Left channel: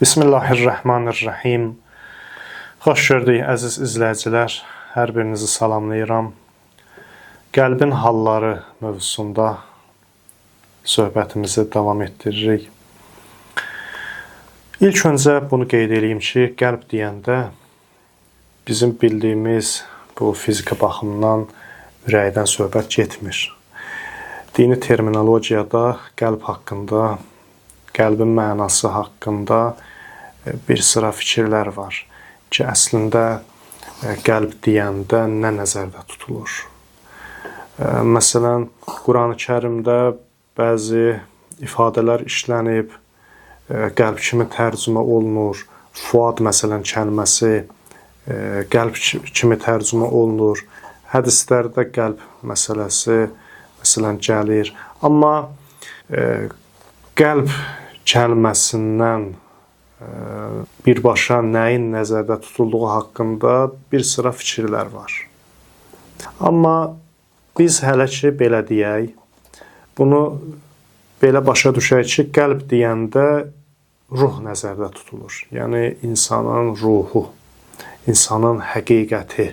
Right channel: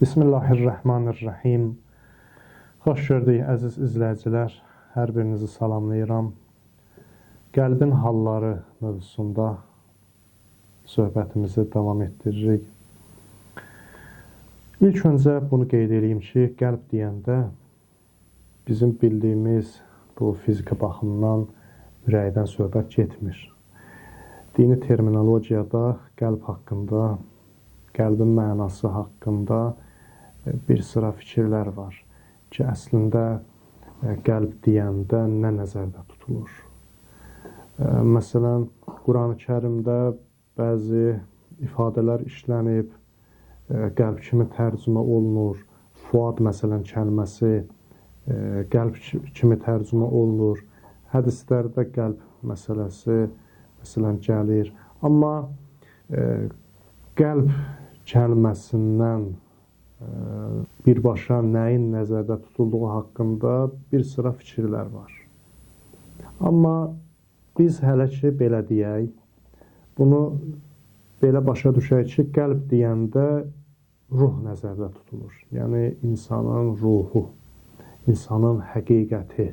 Bismillahirrahmanirrahim. Xoş gördük, əziz izləyicilər. Hər birinizi salamlayıram. Qəlbin halları mövzusunda söhbətimizi davam etdiririk. İlk öncə bunu qeyd edeyim ki, qəlb deyəndə bizim bildiyimiz bu fiziki baxımdan ürəkdən söhbət getmir. Dini terminologiyada qəlb haqqında, qəlbin mənası haqqında bir sıra fikirlər var ki, əslində qəlb deyəndə nə nəzərdə tutulur? Məsələn, Qurani-Kərimdə bəzi ifadələr işlənib, qəlb kimi tərcümə olunur. Fuad məsələn kəlməsi qəlb kimi tərcümə olunur. Hədislərdə qəlb məsələsi məsələn gəlir. Amma qəlb kəlməsindən birbaşa nəyin nəzərdə tutulduğu haqqında bir sıra fikirlər var. Amma biz hələ ki belə deyək, bunu belə başa düşək ki, qəlb deyəndə ruh nəzərdə tutulur. Yəni insanın ruhu, insanın həqiqəti,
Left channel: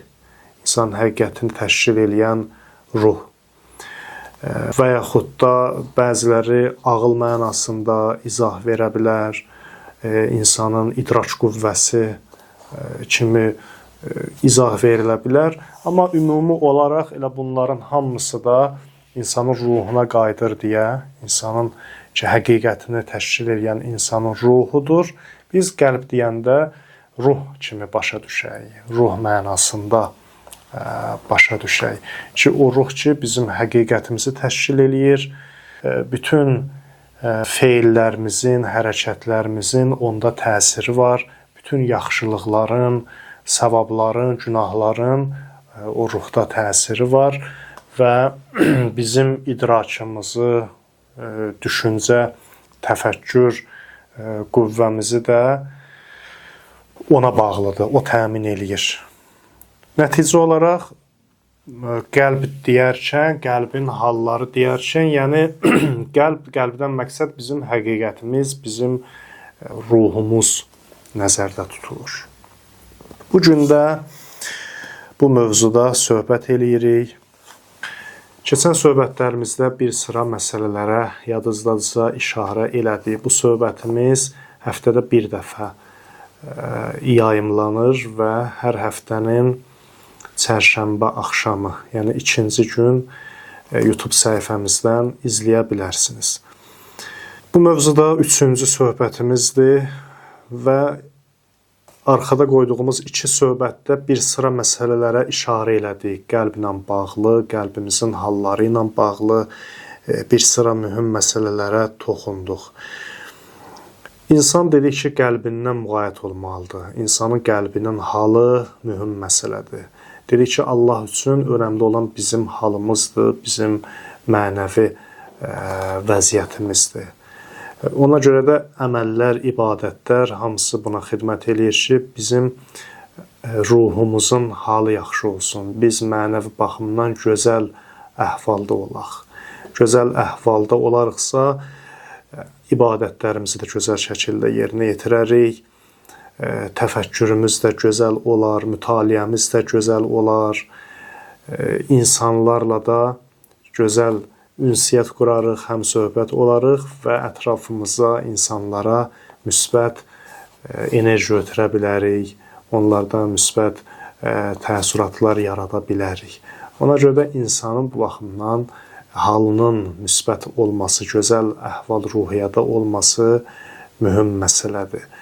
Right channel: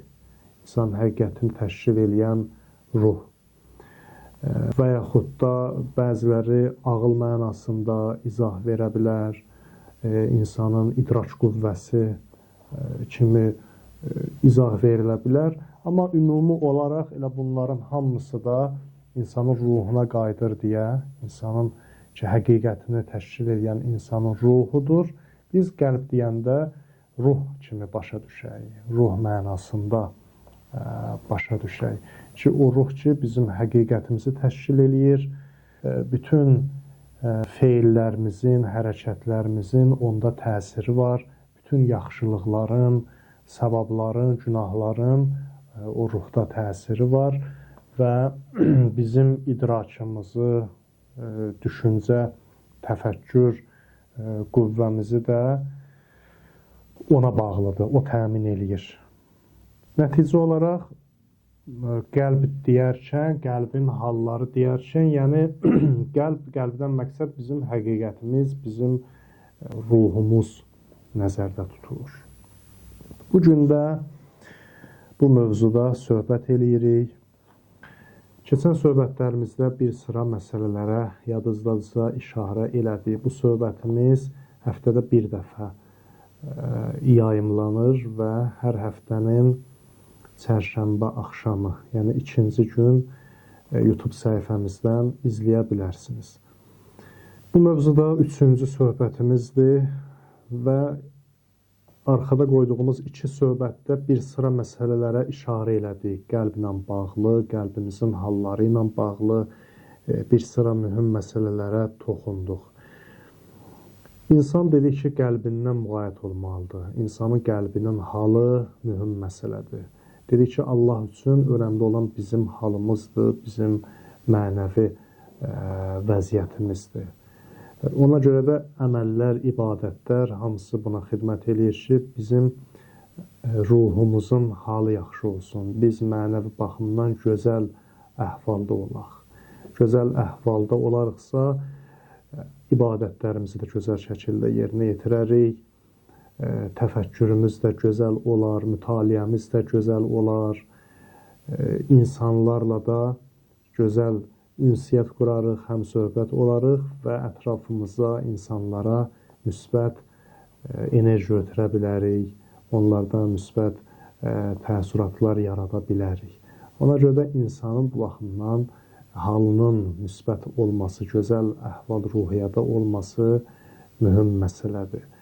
insan həqiqətini təşkil edən ruh. Və yaxud da bəziləri ağıl mənasında izah verə bilər, insanın idrak qüvvəsi kimi izah verilə bilər. Amma ümumi olaraq elə bunların hamısı da insanın ruhuna qayıdır deyə, insanın ki, həqiqətini təşkil edən insanın ruhudur. Biz qəlb deyəndə ruh kimi başa düşək, ruh mənasında başa düşək ki, o ruh ki, bizim həqiqətimizi təşkil eləyir, bütün feillərimizin, hərəkətlərimizin onda təsiri var. Bütün yaxşılıqların, savabların, günahların o ruhda təsiri var və bizim idrakımızı, düşüncə, təfəkkür qüvvəmizi də ona bağlıdır, o təmin eləyir. Nəticə olaraq qəlb deyərkən, qəlbin halları deyərkən, yəni qəlbdən məqsəd bizim həqiqətimiz, bizim ruhumuz nəzərdə tutulur. Bu gün də bu mövzuda söhbət eləyirik. Keçən söhbətlərimizdə bir sıra məsələlərə yadınızdadırsa işarə elədik. Bu söhbətimiz həftədə bir dəfə yayımlanır və hər həftənin çərşənbə axşamı, yəni ikinci gün YouTube səhifəmizdən izləyə bilərsiniz. Bu mövzuda üçüncü söhbətimizdir və arxada qoyduğumuz iki söhbətdə bir sıra məsələlərə işarə elədik. Qəlblə bağlı, qəlbimizin halları ilə bağlı bir sıra mühüm məsələlərə toxunduq. İnsan dedik ki, qəlbindən müğayət olmalıdır. İnsanın qəlbinin halı mühüm məsələdir. Dedik ki, Allah üçün önəmli olan bizim halımızdır, bizim mənəvi vəziyyətimizdir. Ona görə də əməllər, ibadətlər hamısı buna xidmət eləyir ki, bizim ruhumuzun halı yaxşı olsun. Biz mənəvi baxımdan gözəl əhvalda olaq. Gözəl əhvalda olarıqsa, ibadətlərimizi də gözəl şəkildə yerinə yetirərik. Təfəkkürümüz də gözəl olar, mütaliəmiz də gözəl olar, insanlarla da gözəl ünsiyyət qurarıq, həmsöhbət olarıq və ətrafımıza, insanlara müsbət enerji ötürə bilərik, onlardan müsbət təəssüratlar yarada bilərik. Ona görə də insanın bu baxımdan halının müsbət olması, gözəl əhval-ruhiyyədə olması mühüm məsələdir.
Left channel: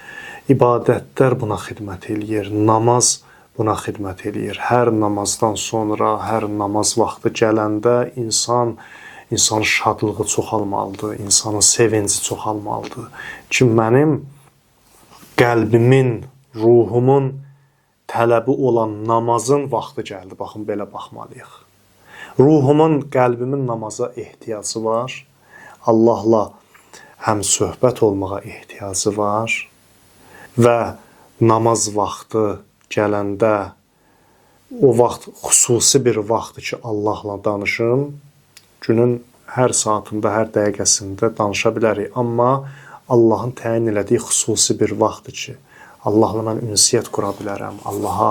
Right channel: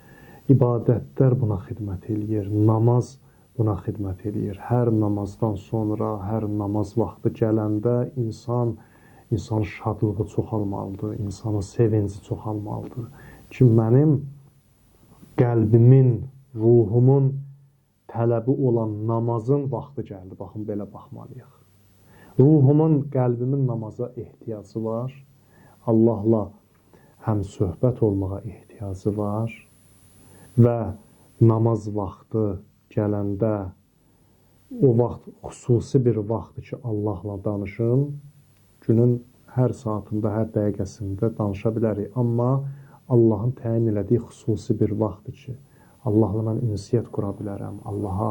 İbadətlər buna xidmət eləyir, namaz buna xidmət eləyir. Hər namazdan sonra, hər namaz vaxtı gələndə insanın şadlığı çoxalmalıdır, insanın sevinci çoxalmalıdır. Ki, mənim qəlbimin, ruhumun tələbi olan namazın vaxtı gəldi. Baxın, belə baxmalıyıq. Ruhumun, qəlbimin namaza ehtiyacı var. Allahla həm söhbət olmağa ehtiyacı var. Və namaz vaxtı gələndə o vaxt xüsusi bir vaxtdır ki, Allahla danışım. Günün hər saatında, hər dəqiqəsində danışa bilərik. Amma Allahın təyin elədiyi xüsusi bir vaxtdır ki, Allahla mən ünsiyyət qura bilərəm, Allaha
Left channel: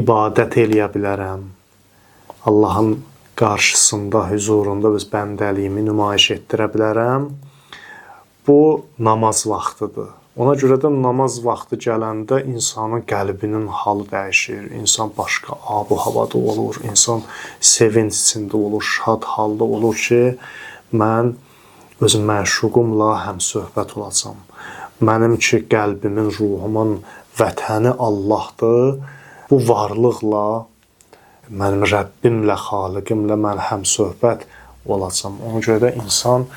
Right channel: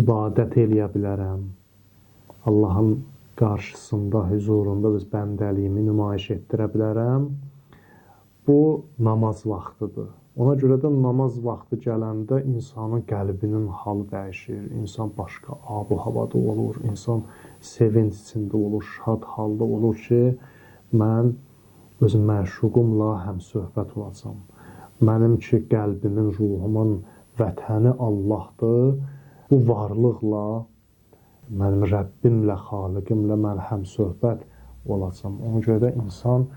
ibadət eləyə bilərəm, Allahın qarşısında, huzurunda öz bəndəliyimi nümayiş etdirə bilərəm. Bu namaz vaxtıdır. Ona görə də namaz vaxtı gələndə insanın qəlbinin halı dəyişir. İnsan başqa ab-u havada olur. İnsan sevinç içində olur, şad halda olur ki, mən öz məşuqumla həmsöhbət olacam. Mənim ki, qəlbimin, ruhumun vətəni Allahdır. Bu varlıqla, mənim Rəbbimlə, Xaliqimlə mən həmsöhbət olacam. Ona görə də insan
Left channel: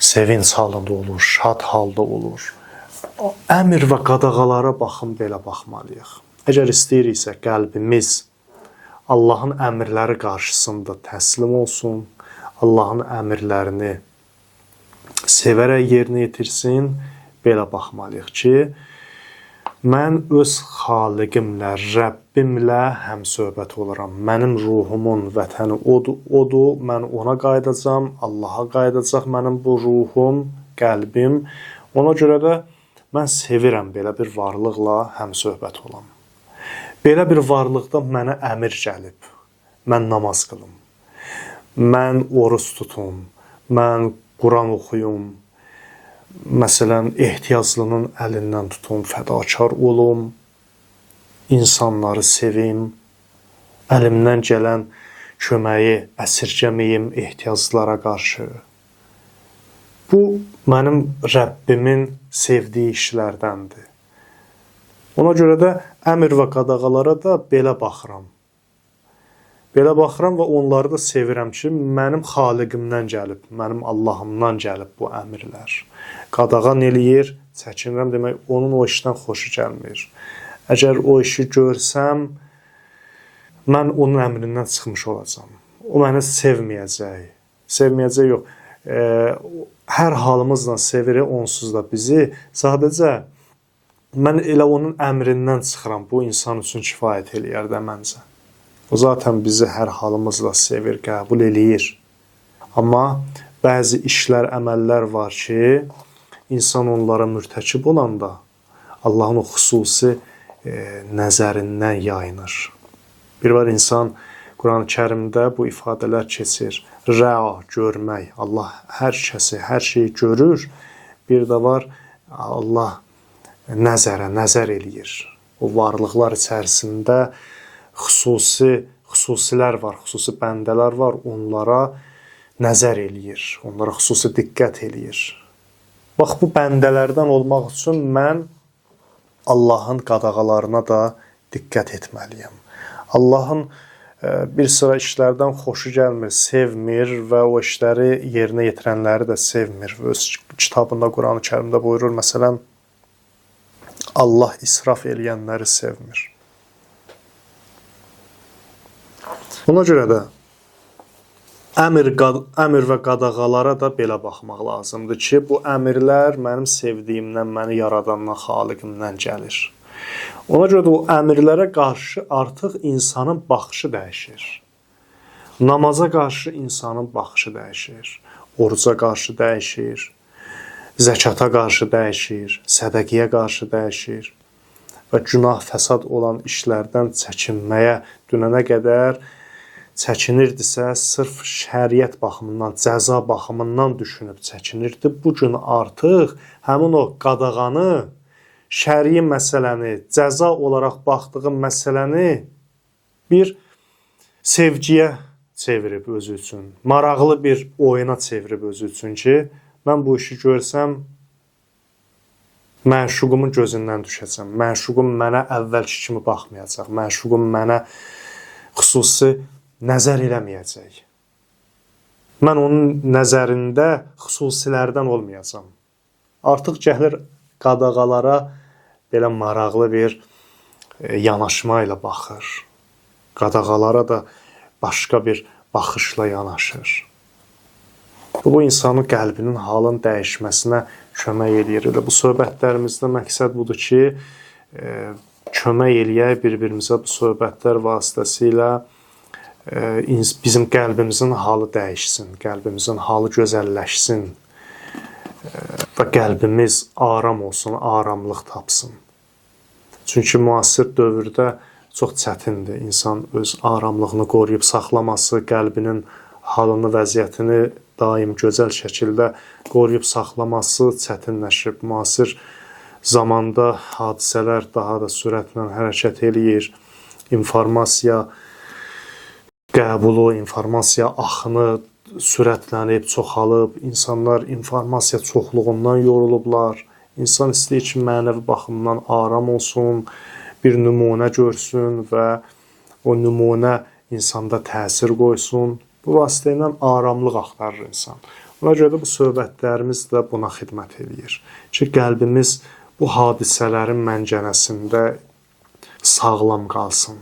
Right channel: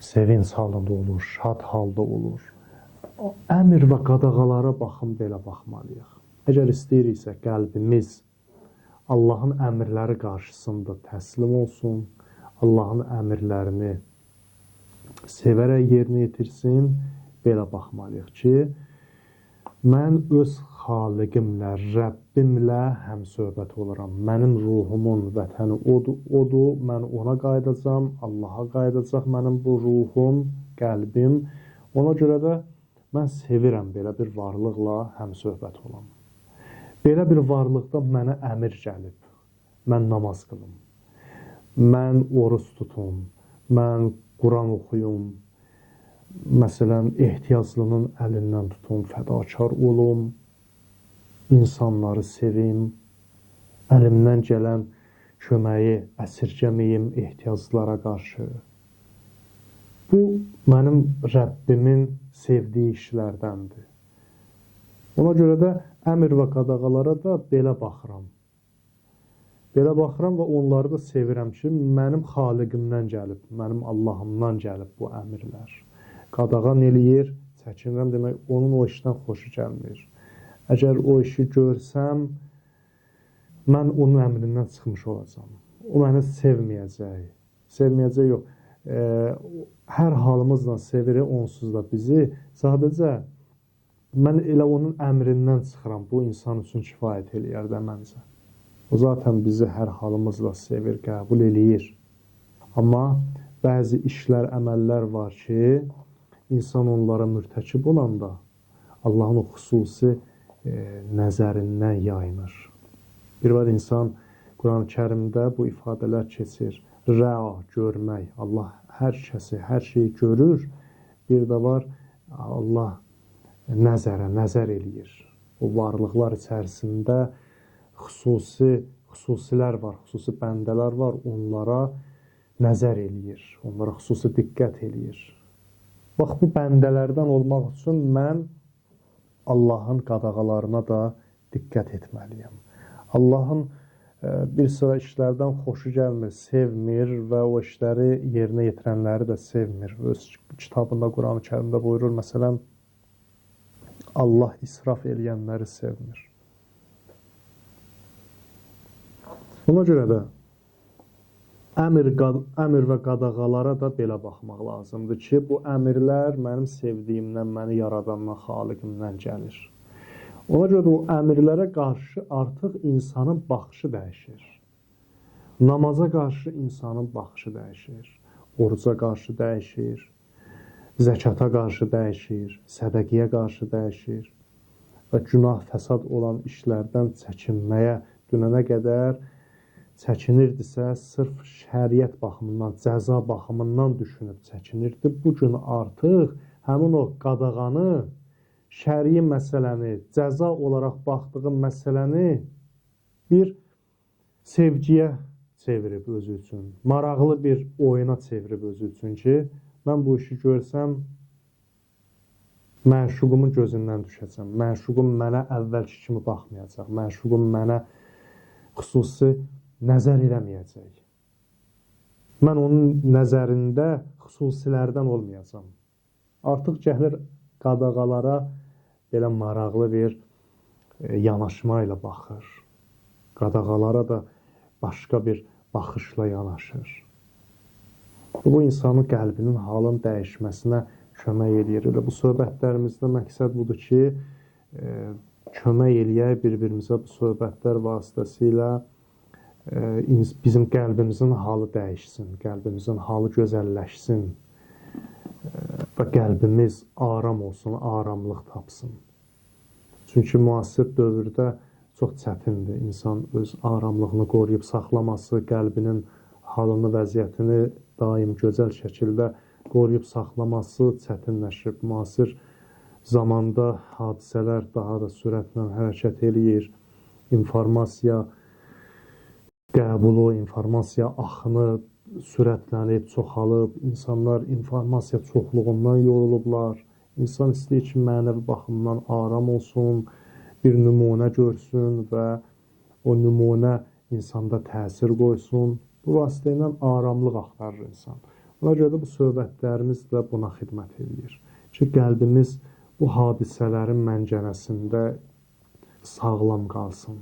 sevinç halında olur, şad halda olur. Əmr və qadağalara baxın, belə baxmalıyıq. Əgər istəyiriksə qəlbimiz Allahın əmrləri qarşısında təslim olsun, Allahın əmrlərini sevərək yerinə yetirsin, belə baxmalıyıq ki, mən öz Xaliqimlə, Rəbbimlə həmsöhbət olaram. Mənim ruhumun vətəni odur, mən ona qayıdacam, Allaha qayıdacaq mənim bu ruhum, qəlbim. Ona görə də mən sevirəm belə bir varlıqla həmsöhbət olam. Belə bir varlıqda mənə əmr gəlib. Mən namaz qılım. Mən oruç tutum. Mən Quran oxuyum. Məsələn, ehtiyaclının əlindən tutum, fədakar olum. İnsanları sevim. Əlimdən gələn köməyi əsirgəməyim ehtiyaclara qarşı. Bu, mənim Rəbbimin sevdiyi işlərdəndir. Ona görə də əmr və qadağalara da belə baxıram. Belə baxıram və onları da sevirəm ki, mənim Xaliqimdən gəlib, mənim Allahımdan gəlib bu əmrlər. Qadağan eləyir, çəkinirəm demək, onun o işdən xoşu gəlmir. Əgər o işi görsəm, mən onun əmrindən çıxmış olacam. O məni sevməyəcək. Sevməyəcək yox. Hər halımızla sevir, onsuz da bizi. Sadəcə mən elə onun əmrindən çıxıram. Bu insan üçün kifayət eləyər də məncə. O zaten bizi hər halımızla sevir, qəbul eləyir. Amma bəzi işlər, əməllər var ki, insan onlara mürtəkib olanda Allahın o xüsusi nəzərindən yayınır. Bir var insan Quran-ı Kərimdə bu ifadələr keçir. Rəa, görmək. Allah hər kəsi, hər şeyi görür. Bir də var, Allah nəzər eləyir. O varlıqlar içərisində xüsusilər var, xüsusi bəndələr var. Onlara nəzər eləyir. Onlara xüsusi diqqət eləyir. Bax, bu bəndələrdən olmaq üçün mən Allahın qadağalarına da diqqət etməliyəm. Allahın bir sıra işlərdən xoşu gəlmir, sevmir və o işləri yerinə yetirənləri də sevmir. Öz kitabında, Quran-ı Kərimdə buyurur, məsələn, Allah israf eləyənləri sevmir. Buna görə də əmr və qadağalara da belə baxmaq lazımdır ki, bu əmrlər mənim sevdiyimdən, məni yaradandan, Xaliqimdən gəlir. Ona görə də o əmrlərə qarşı artıq insanın baxışı dəyişir. Namaza qarşı insanın baxışı dəyişir. Oruca qarşı dəyişir. Zəkata qarşı dəyişir. Sədəqiyə qarşı dəyişir. Və günah, fəsad olan işlərdən çəkinməyə dünənə qədər çəkinirdisə, sırf şəriət baxımından, cəza baxımından düşünüb çəkinirdi. Bu gün artıq həmin o qadağanı, şəri məsələni, cəza olaraq baxdığı məsələni bir sevgiyə çevirib özü üçün, maraqlı bir oyuna çevirib özü üçün ki, mən bu işi görsəm, məşuqumun gözündən düşəcəm. Məşuqum mənə əvvəlki kimi baxmayacaq. Məşuqum mənə xüsusi nəzər eləməyəcək. Mən onun nəzərində xüsusilərdən olmayacam. Artıq gəlir qadağalara belə maraqlı bir yanaşma ilə baxır. Qadağalara da başqa bir baxışla yanaşır. Bu insanın qəlbinin halın dəyişməsinə kömək eləyir. Elə bu söhbətlərimizdə məqsəd budur ki, kömək eləyək bir-birimizə bu söhbətlər vasitəsilə bizim qəlbimizin halı dəyişsin, qəlbimizin halı gözəlləşsin. və qəlbimiz aram olsun, aramlıq tapsın. Çünki müasir dövrdə çox çətindir insan öz aramlığını qoruyub saxlaması, qəlbinin halını, vəziyyətini daim gözəl şəkildə qoruyub saxlaması çətinləşib. Müasir zamanda hadisələr daha da sürətlə hərəkət eləyir. İnformasiya qəbulu, informasiya axını sürətlənib, çoxalıb. İnsanlar informasiya çoxluğundan yorulublar. İnsan istəyir ki, mənəvi baxımdan aram olsun, bir nümunə görsün və o nümunə insanda təsir qoysun. Bu vasitə ilə aramlıq axtarır insan. Ona görə də bu söhbətlərimiz də buna xidmət edir. Ki, qəlbimiz bu hadisələrin məncənəsində sağlam qalsın,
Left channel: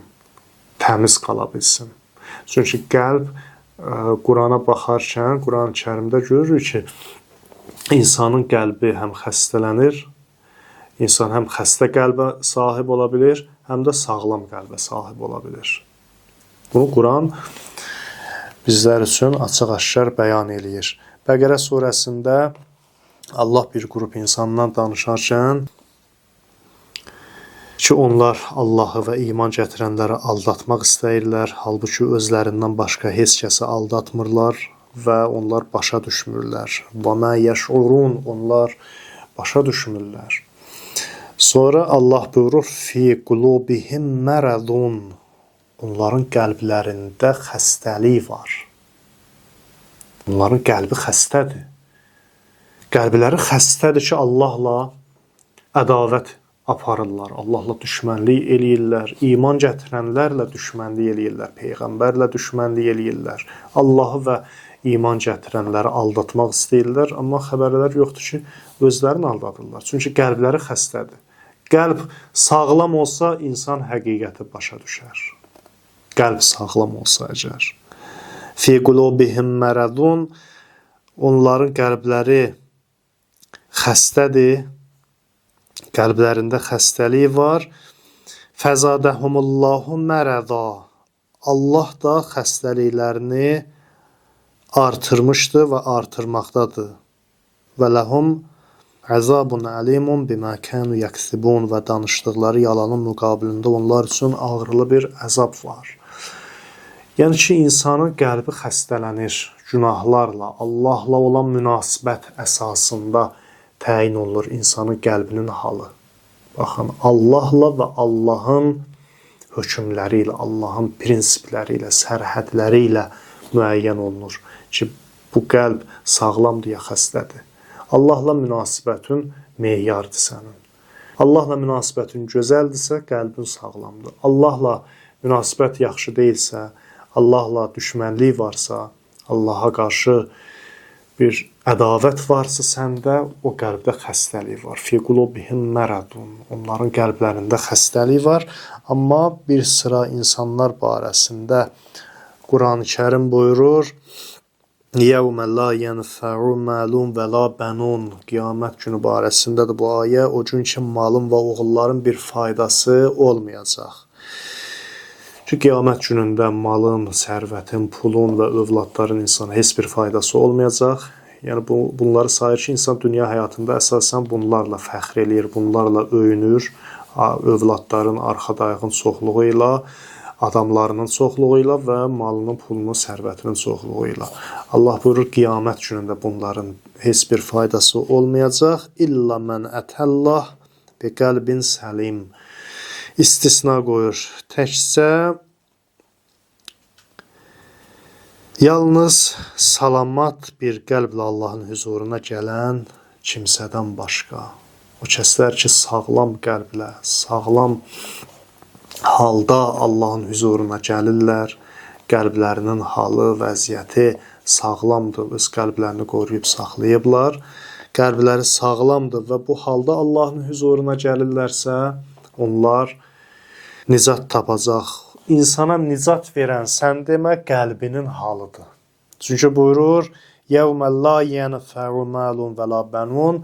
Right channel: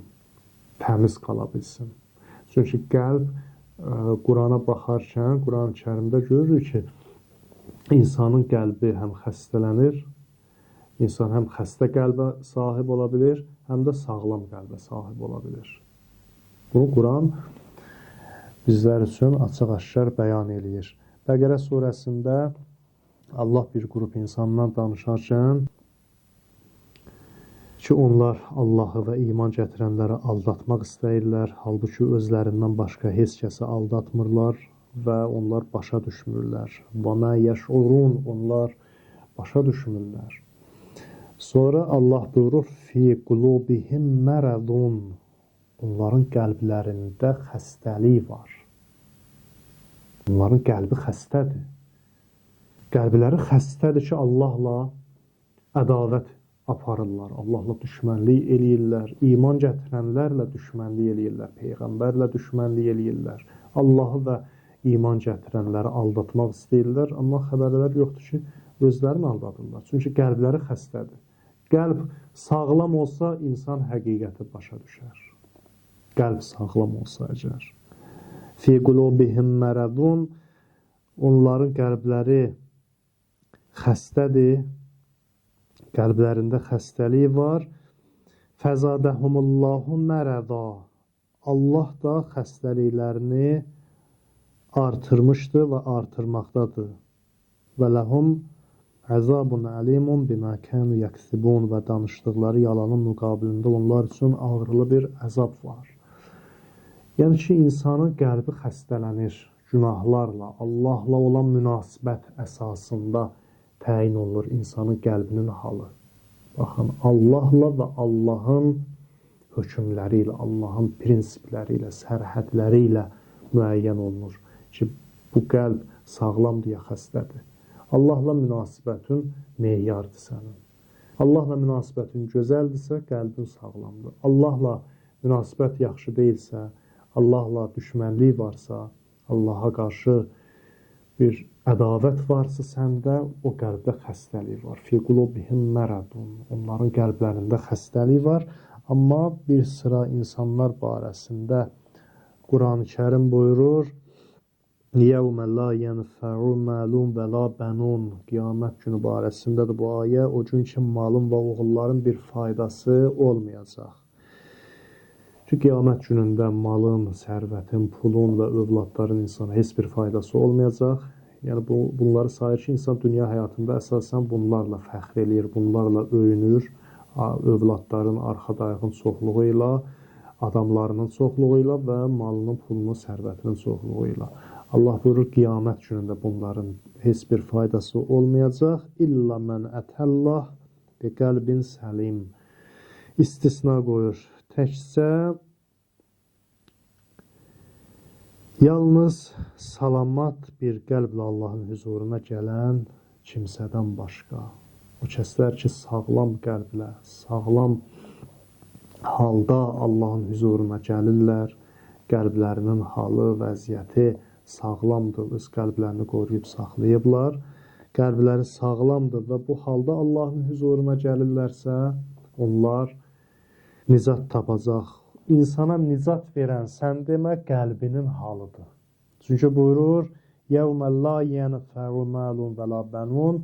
təmiz qala bilsin. Çünki qəlb Qurana baxarkən, Quran-Kərimdə görürük ki, insanın qəlbi həm xəstələnir, insan həm xəstə qəlbə sahib ola bilir, həm də sağlam qəlbə sahib ola bilir. Bunu Quran bizlər üçün açıq-aşkar bəyan eləyir. Bəqərə surəsində Allah bir qrup insandan danışarkən ki, onlar Allahı və iman gətirənləri aldatmaq istəyirlər, halbuki özlərindən başqa heç kəsi aldatmırlar və onlar başa düşmürlər. Və mə yəşurun, onlar başa düşmürlər. Sonra Allah buyurur, fi qulubihim məradun, onların qəlblərində xəstəlik var. Onların qəlbi xəstədir. Qəlbləri xəstədir ki, Allahla ədavət aparırlar, Allahla düşmənlik eləyirlər, iman gətirənlərlə düşmənlik eləyirlər, Peyğəmbərlə düşmənlik eləyirlər, Allahı və iman gətirənləri aldatmaq istəyirlər, amma xəbərlər yoxdur ki, özlərini aldadırlar. Çünki qəlbləri xəstədir. Qəlb sağlam olsa, insan həqiqəti başa düşər. Qəlb sağlam olsa əgər. Fi qulubihim məradun, onların qəlbləri xəstədir, qəlblərində xəstəlik var. Fəzadəhumullahu mərəda, Allah da xəstəliklərini artırmışdır və artırmaqdadır. Və ləhum əzabun əlimun bimə kənu yəksibun, və danışdıqları yalanın müqabilində onlar üçün ağrılı bir əzab var. Yəni ki, insanın qəlbi xəstələnir günahlarla, Allahla olan münasibət əsasında təyin olunur insanın qəlbinin halı. Baxın, Allahla və Allahın hökmləri ilə, Allahın prinsipləri ilə, sərhədləri ilə müəyyən olunur ki, bu qəlb sağlamdır ya xəstədir. Allahla münasibətin meyardır sənin. Allahla münasibətin gözəldirsə, qəlbin sağlamdır. Allahla münasibət yaxşı deyilsə, Allahla düşmənlik varsa, Allaha qarşı bir ədavət varsa səndə, o qəlbdə xəstəlik var. Fi qulubihim məradun. Onların qəlblərində xəstəlik var. Amma bir sıra insanlar barəsində Quran-Kərim buyurur, Yevmə la yenfə'u məlun və la bənun. Qiyamət günü barəsindədir bu ayə. O gün ki, malın və oğulların bir faydası olmayacaq. Çünki qiyamət günündə malın, sərvətin, pulun və övladların insana heç bir faydası olmayacaq. Yəni bunları sayır ki, insan dünya həyatında əsasən bunlarla fəxr eləyir, bunlarla öyünür. Övladların arxa dayağın çoxluğu ilə, adamlarının çoxluğu ilə və malının, pulunun, sərvətinin çoxluğu ilə. Allah buyurur, qiyamət günündə bunların heç bir faydası olmayacaq. İlla mən ətəllah bi qəlbin səlim. İstisna qoyur. Təkcə yalnız salamat bir qəlblə Allahın huzuruna gələn kimsədən başqa. O kəslər ki, sağlam qəlblə, sağlam halda Allahın huzuruna gəlirlər, qəlblərinin halı, vəziyyəti sağlamdır, öz qəlblərini qoruyub saxlayıblar, qəlbləri sağlamdır və bu halda Allahın huzuruna gəlirlərsə, onlar nicat tapacaq. İnsana nicat verən sən demə qəlbinin halıdır. Çünki buyurur, Yevmə la yenfə'u məlun və la bənun,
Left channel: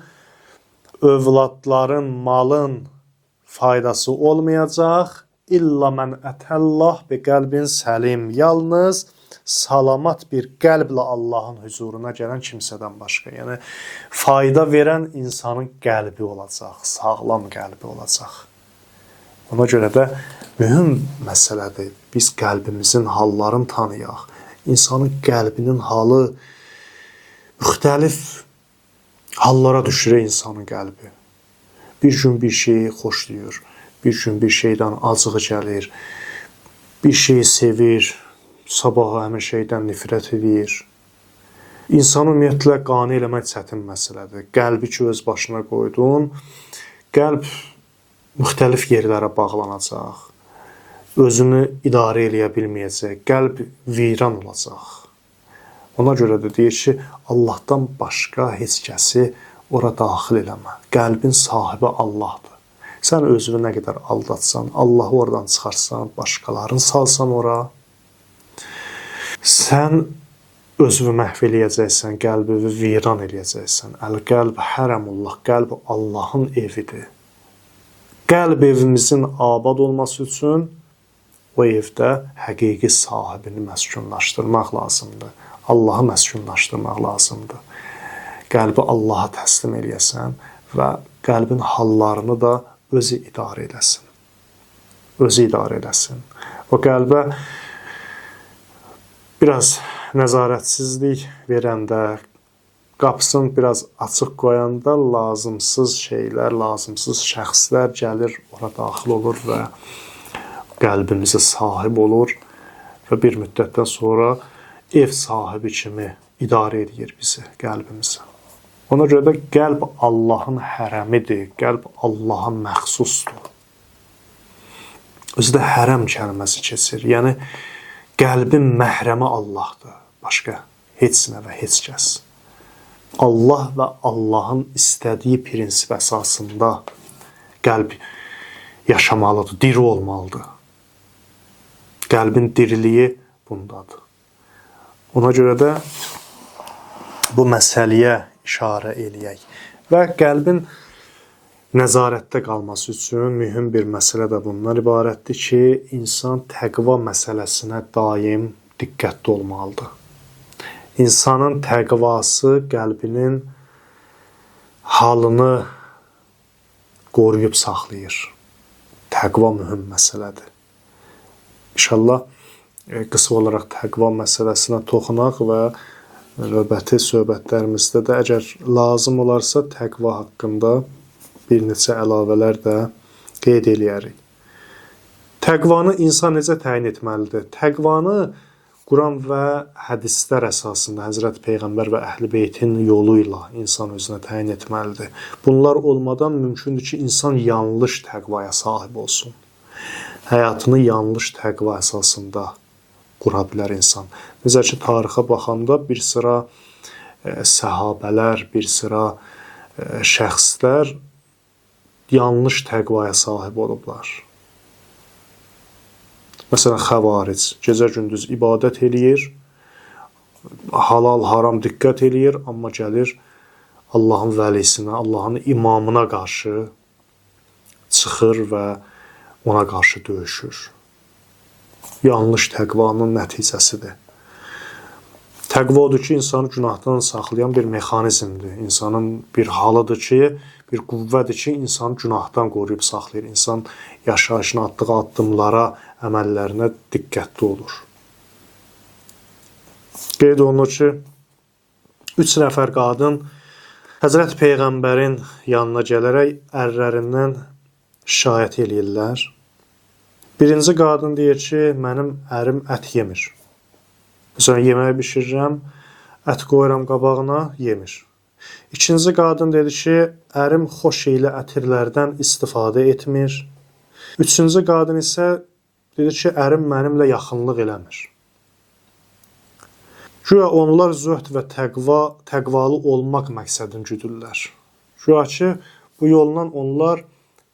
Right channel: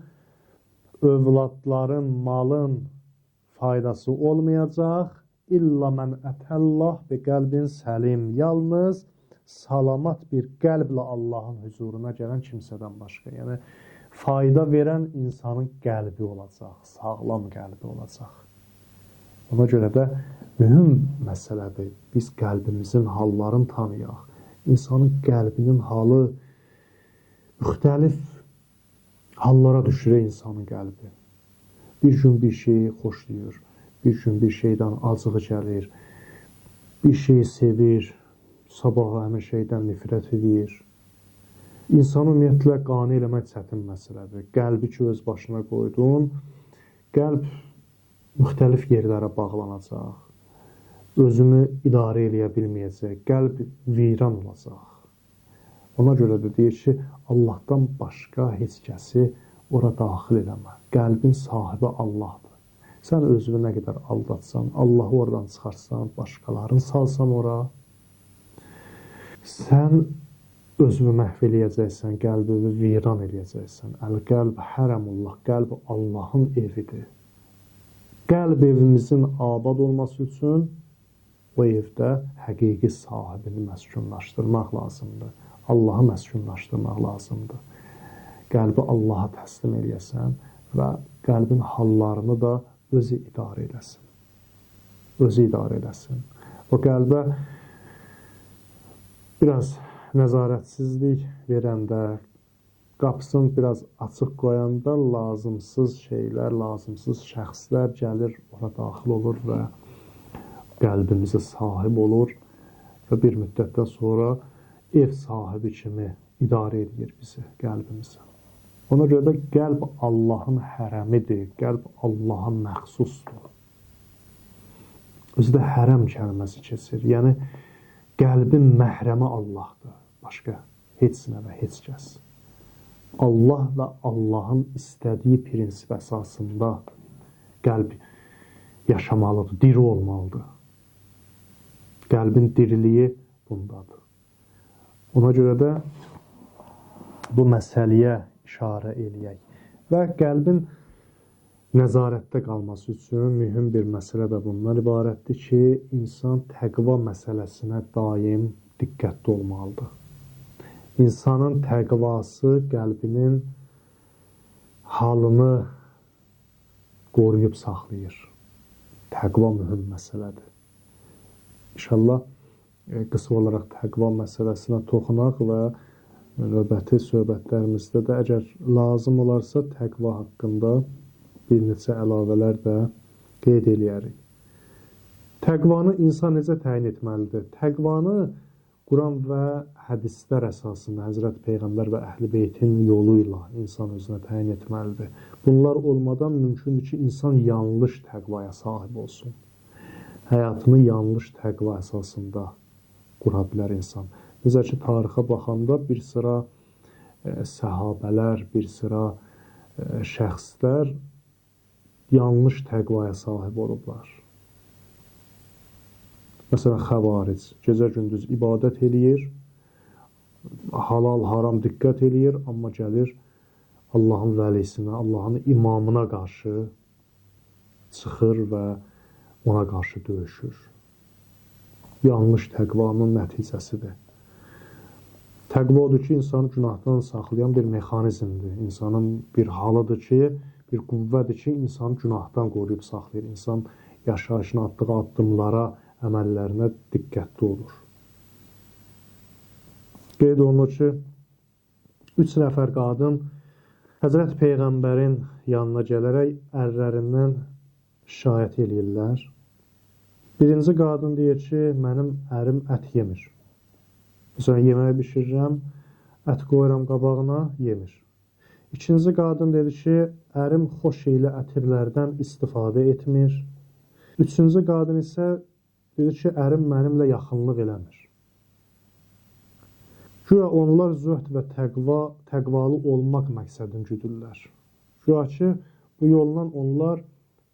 övladların, malın faydası olmayacaq. İlla mən ətəllah bi qəlbin səlim. Yalnız salamat bir qəlblə Allahın huzuruna gələn kimsədən başqa. Yəni fayda verən insanın qəlbi olacaq, sağlam qəlbi olacaq. Ona görə də mühüm məsələdir. Biz qəlbimizin hallarını tanıyaq. İnsanın qəlbinin halı müxtəlif hallara düşürür insanın qəlbi. Bir gün bir şeyi xoşlayır, bir gün bir şeydən acığı gəlir, bir şeyi sevir, sabah həmin şeydən nifrət edir. İnsanı ümumiyyətlə qane eləmək çətin məsələdir. Qəlbi ki, öz başına qoydun, qəlb müxtəlif yerlərə bağlanacaq, özünü idarə eləyə bilməyəcək, qəlb viran olacaq. Ona görə də deyir ki, Allahdan başqa heç kəsi ora daxil eləmə. Qəlbin sahibi Allahdır. Sən özünü nə qədər aldatsan, Allahı oradan çıxarsan, başqalarını salsan ora, sən özünü məhv eləyəcəksən, qəlbini viran eləyəcəksən. Əl-qəlb hərəmullah, qəlb Allahın evidir. Qəlb evimizin abad olması üçün o evdə həqiqi sahibini məskunlaşdırmaq lazımdır. Allahı məskunlaşdırmaq lazımdır. Qəlbi Allaha təslim eləyəsən və qəlbin hallarını da özü idarə eləsin. Özü idarə eləsin. O qəlbə biraz nəzarətsizlik verəndə, qapısını biraz açıq qoyanda lazımsız şeylər, lazımsız şəxslər gəlir, ora daxil olur və qəlbimizə sahib olur və bir müddətdən sonra ev sahibi kimi idarə edir bizi, qəlbimizi. Ona görə də qəlb Allahın hərəmidir, qəlb Allaha məxsusdur. Özü də hərəm kəlməsi keçir. Yəni, qəlbin məhrəmi Allahdır, başqa heç nə və heç kəs. Allah və Allahın istədiyi prinsip əsasında qəlb yaşamalıdır, diri olmalıdır. Qəlbin diriliyi bundadır. Ona görə də bu məsələyə işarə eləyək. Və qəlbin nəzarətdə qalması üçün mühüm bir məsələ də bundan ibarətdir ki, insan təqva məsələsinə daim diqqətli olmalıdır. İnsanın təqvası qəlbinin halını qoruyub saxlayır. Təqva mühüm məsələdir. İnşallah qısa olaraq təqva məsələsinə toxunaq və növbəti söhbətlərimizdə də əgər lazım olarsa təqva haqqında bir neçə əlavələr də qeyd eləyərik. Təqvanı insan necə təyin etməlidir? Təqvanı Quran və hədislər əsasında Həzrət Peyğəmbər və Əhl-i Beytin yolu ilə insan özünə təyin etməlidir. Bunlar olmadan mümkündür ki, insan yanlış təqvaya sahib olsun. Həyatını yanlış təqva əsasında qura bilər insan. Necə ki, tarixə baxanda bir sıra səhabələr, bir sıra şəxslər yanlış təqvaya sahib olublar. Məsələn, xəvaric gecə-gündüz ibadət eləyir, halal, haram diqqət eləyir, amma gəlir Allahın vəlisinə, Allahın imamına qarşı çıxır və ona qarşı döyüşür. Yanlış təqvanın nəticəsidir. Təqva odur ki, insanı günahdan saxlayan bir mexanizmdir. İnsanın bir halıdır ki, bir qüvvədir ki, insanı günahdan qoruyub saxlayır. İnsan yaşayışına atdığı addımlara, əməllərinə diqqətli olur. Qeyd olunur ki, 3 nəfər qadın Həzrət Peyğəmbərin yanına gələrək ərlərindən şikayət eləyirlər. Birinci qadın deyir ki, mənim ərim ət yemir. Məsələn, yeməyi bişirirəm, ət qoyuram qabağına, yemir. İkinci qadın dedi ki, ərim xoş ilə ətirlərdən istifadə etmir. Üçüncü qadın isə dedi ki, ərim mənimlə yaxınlıq eləmir. Güya onlar zöhd və təqvalı olmaq məqsədini güdürlər. Güya ki, bu yolla onlar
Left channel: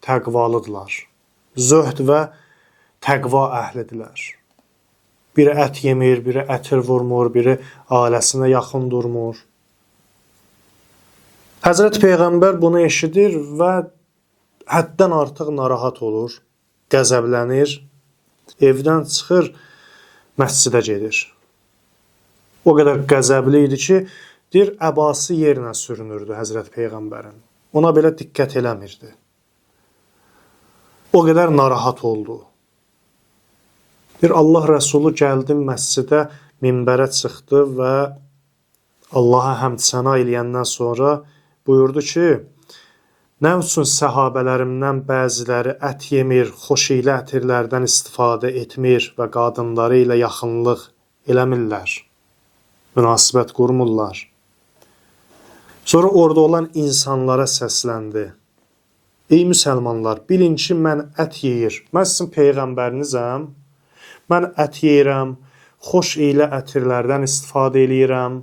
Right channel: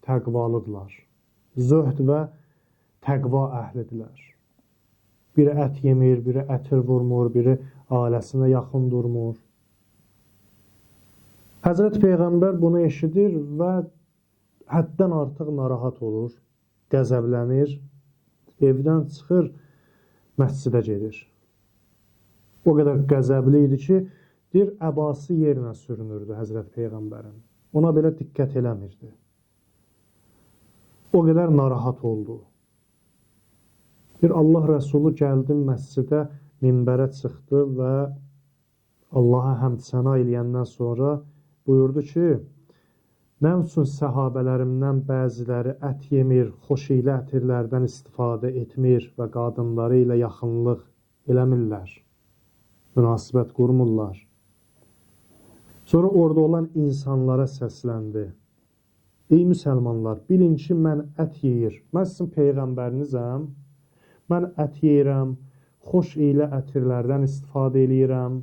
təqvalıdırlar. Zöhd və təqva əhlidirlər. Biri ət yemir, biri ətir vurmur, biri ailəsinə yaxın durmur. Həzrət Peyğəmbər bunu eşidir və həddən artıq narahat olur, qəzəblənir, evdən çıxır, məscidə gedir. O qədər qəzəbli idi ki, deyir, əbası yerinə sürünürdü Həzrət Peyğəmbərin. Ona belə diqqət eləmirdi. O qədər narahat oldu. Bir Allah Rəsulu gəldi məscidə, minbərə çıxdı və Allaha həmd səna eləyəndən sonra buyurdu ki, nə üçün səhabələrimdən bəziləri ət yemir, xoşiylə ətirlərdən istifadə etmir və qadınları ilə yaxınlıq eləmirlər, münasibət qurmurlar. Sonra orada olan insanlara səsləndi. Ey müsəlmanlar, bilin ki, mən ət yeyir. Mən sizin peyğəmbərinizəm. Mən ət yeyirəm, xoş ilə ətirlərdən istifadə eləyirəm,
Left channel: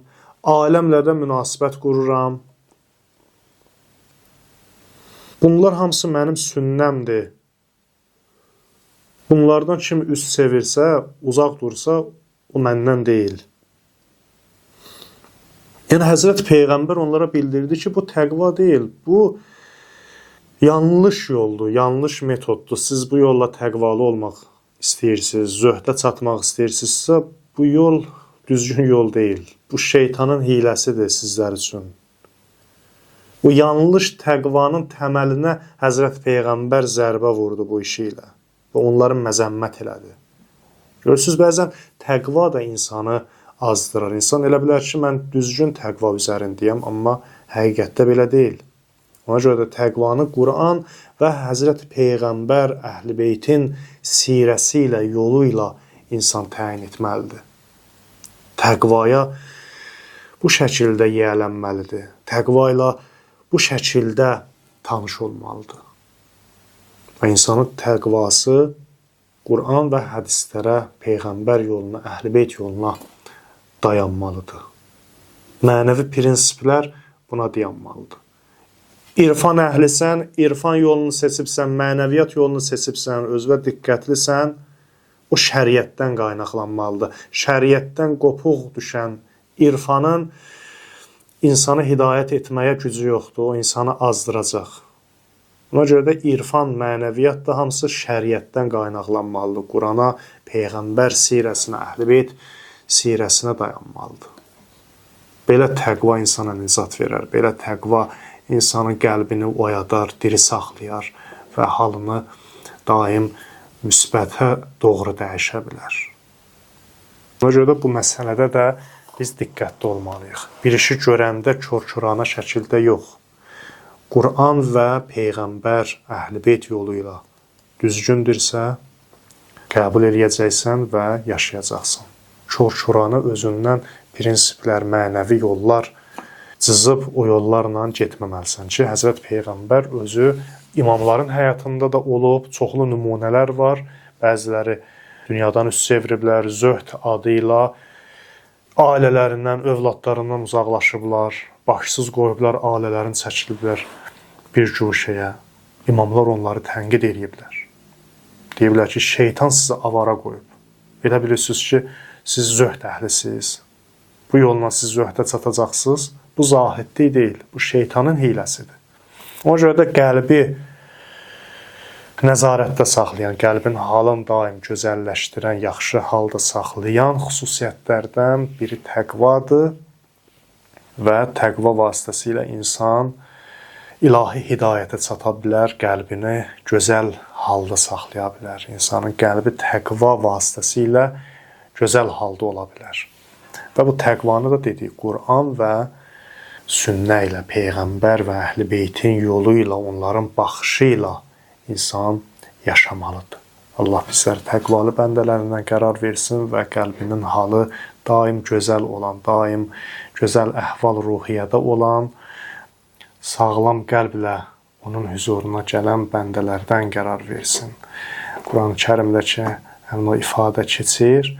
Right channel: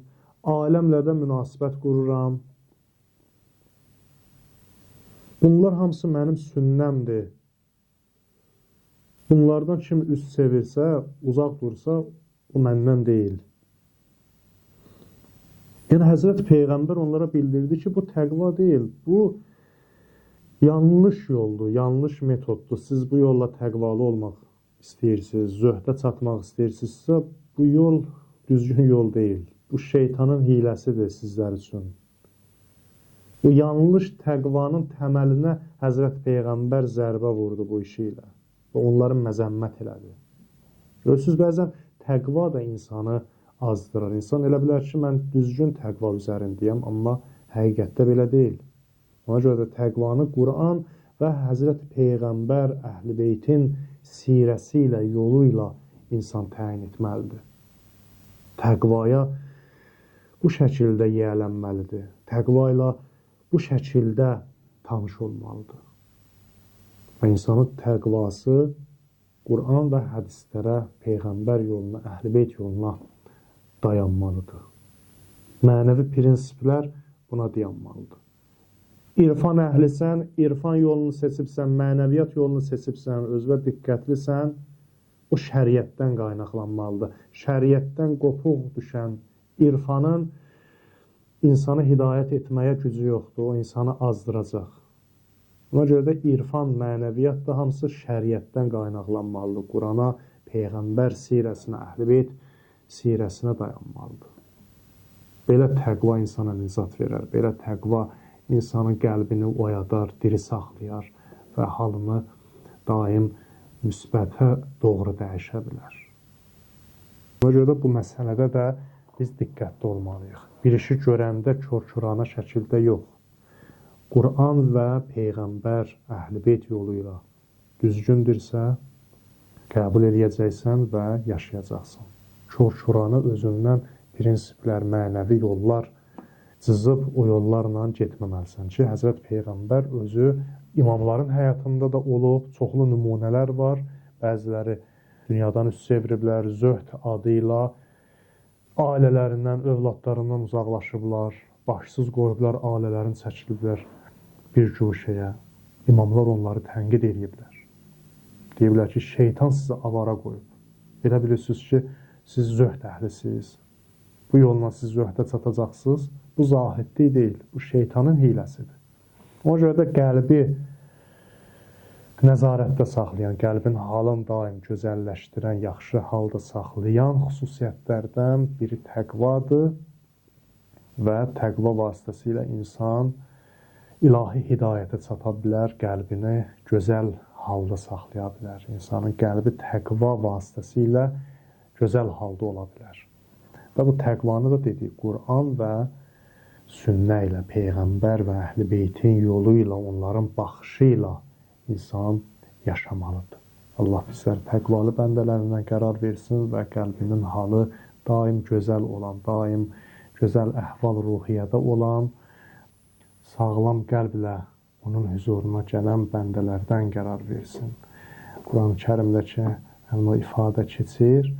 aləmlə də münasibət qururam. Bunlar hamısı mənim sünnəmdir. Bunlardan kim üst çevirsə, uzaq dursa, o məndən deyil. Yəni, Həzrət Peyğəmbər onlara bildirdi ki, bu təqva deyil, bu yanlış yoldur, yanlış metoddur. Siz bu yolla təqvalı olmaq istəyirsiniz, zöhdə çatmaq istəyirsinizsə, bu yol düzgün yol deyil. Bu şeytanın hiləsidir sizlər üçün. Bu yanlış təqvanın təməlinə Həzrət Peyğəmbər zərbə vurdu bu işi ilə və onları məzəmmət elədi. Görürsünüz, bəzən təqva da insanı azdırar. İnsan elə bilər ki, mən düzgün təqva üzərindəyəm, amma həqiqətdə belə deyil. Ona görə də təqvanı Quran və Həzrət Peyğəmbər Əhl-i Beytin sirəsi ilə, yolu ilə insan təyin etməlidir. Təqvaya bu şəkildə yiyələnməlidir. Təqva ilə bu şəkildə tanış olmalıdır. Və insanın təqvası Quran və hədislərə, Peyğəmbər yoluna, Əhl-i Beyt yoluna dayanmalıdır. Mənəvi prinsiplər buna dayanmalıdır. İrfan əhlisən, irfan yolunu seçibsən, mənəviyyat yolunu seçibsən, özünə diqqətlisən, o şəriətdən qaynaqlanmalıdır. Şəriətdən qopuq düşən irfanın insanı hidayət etməyə gücü yoxdur, o insanı azdıracaq. Ona görə də irfan, mənəviyyat da hamısı şəriətdən qaynaqlanmalıdır. Qurana, Peyğəmbər sirəsinə, Əhl-i Beyt sirəsinə dayanmalıdır. Belə təqva insana nizat verər, belə təqva insanın qəlbini oyadar, diri saxlayar və halını daim müsbətə doğru dəyişə bilər. Ona görə də bu məsələdə də biz diqqətli olmalıyıq. Bir işi görəndə kör-körana şəkildə yox. Quran və Peyğəmbər Əhl-i Beyt yolu ilə düzgündürsə, qəbul eləyəcəksən və yaşayacaqsan. Kör-körana özündən prinsiplər, mənəvi yollar cızıb o yollarla getməməlisən ki, Həzrət Peyğəmbər özü imamların həyatında da olub, çoxlu nümunələr var. Bəziləri dünyadan üst çeviriblər, zöhd adı ilə ailələrindən, övladlarından uzaqlaşıblar, başsız qoyublar, ailələrini çəkiliblər bir guşəyə. İmamlar onları tənqid ediblər. Deyiblər ki, şeytan sizi avara qoyub. Elə bilirsiniz ki, siz zöhd əhlisiniz. Bu yolla siz zöhdə çatacaqsınız. Bu zahidlik deyil, bu şeytanın hiləsidir. Ona görə də qəlbi nəzarətdə saxlayan, qəlbin halını daim gözəlləşdirən, yaxşı halda saxlayan xüsusiyyətlərdən biri təqvadır və təqva vasitəsilə insan ilahi hidayətə çata bilər, qəlbini gözəl halda saxlaya bilər. İnsanın qəlbi təqva vasitəsilə gözəl halda ola bilər. Və bu təqvanı da dedik, Quran və sünnə ilə, Peyğəmbər və Əhl-i Beytin yolu ilə, onların baxışı ilə insan yaşamalıdır. Allah bizləri təqvalı bəndələrindən qərar versin və qəlbinin halı daim gözəl olan, daim gözəl əhval-ruhiyyədə olan, sağlam qəlblə onun huzuruna gələn bəndələrdən qərar versin. Quran-ı Kərimdəki həmin o ifadə keçir,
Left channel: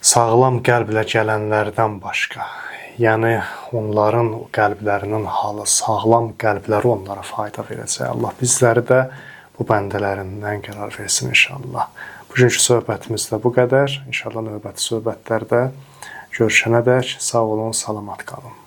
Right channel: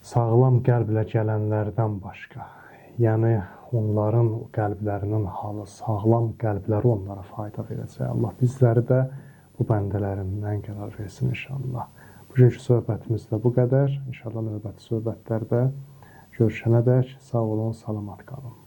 sağlam qəlblə gələnlərdən başqa. Yəni, onların qəlblərinin halı, sağlam qəlbləri onlara fayda verəcək. Allah bizləri də bu bəndələrindən qərar versin inşallah. Bugünkü söhbətimiz də bu qədər. İnşallah növbəti söhbətlərdə görüşənədək sağ olun, salamat qalın.